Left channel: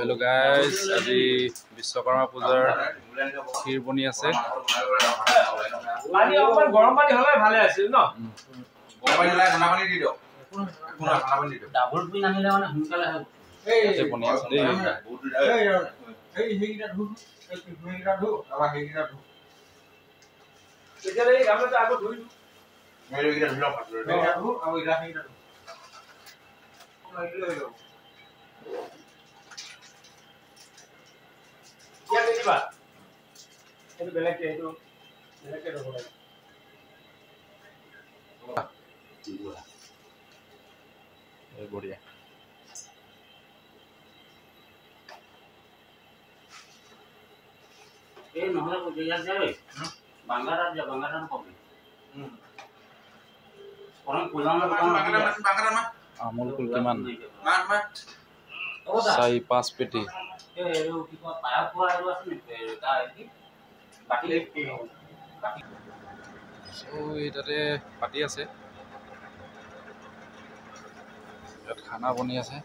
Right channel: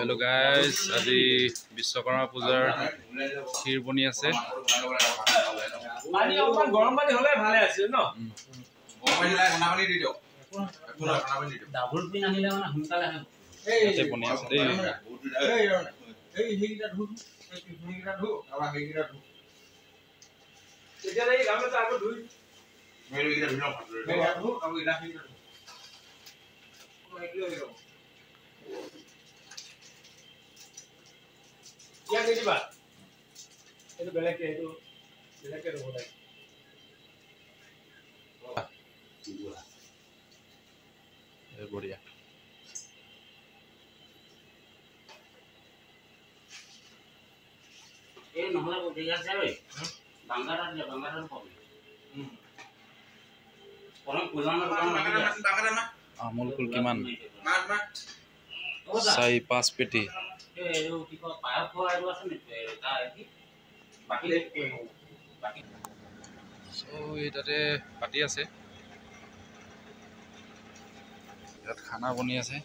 Hello' guys, আজি বিশ্বকৰ্মা পূজাৰ ক্ষীৰ বনি আছে। গৰম পানী হলে ভালে আছিল ন। বনি আছে দেই। বঢ়িয়া। এই নহলে বুঝিয়া যায় বাংলাটা যা বাংলাটা কবি কোন কোলাম বাংলা মা আমুল কুল কিমান 4-5 পেটি এই কি কয় পায়া পোৱা আৰু আছে নে তা কি বাকি তাতে পাতি আছে, ইয়াত খানা বনি আছে।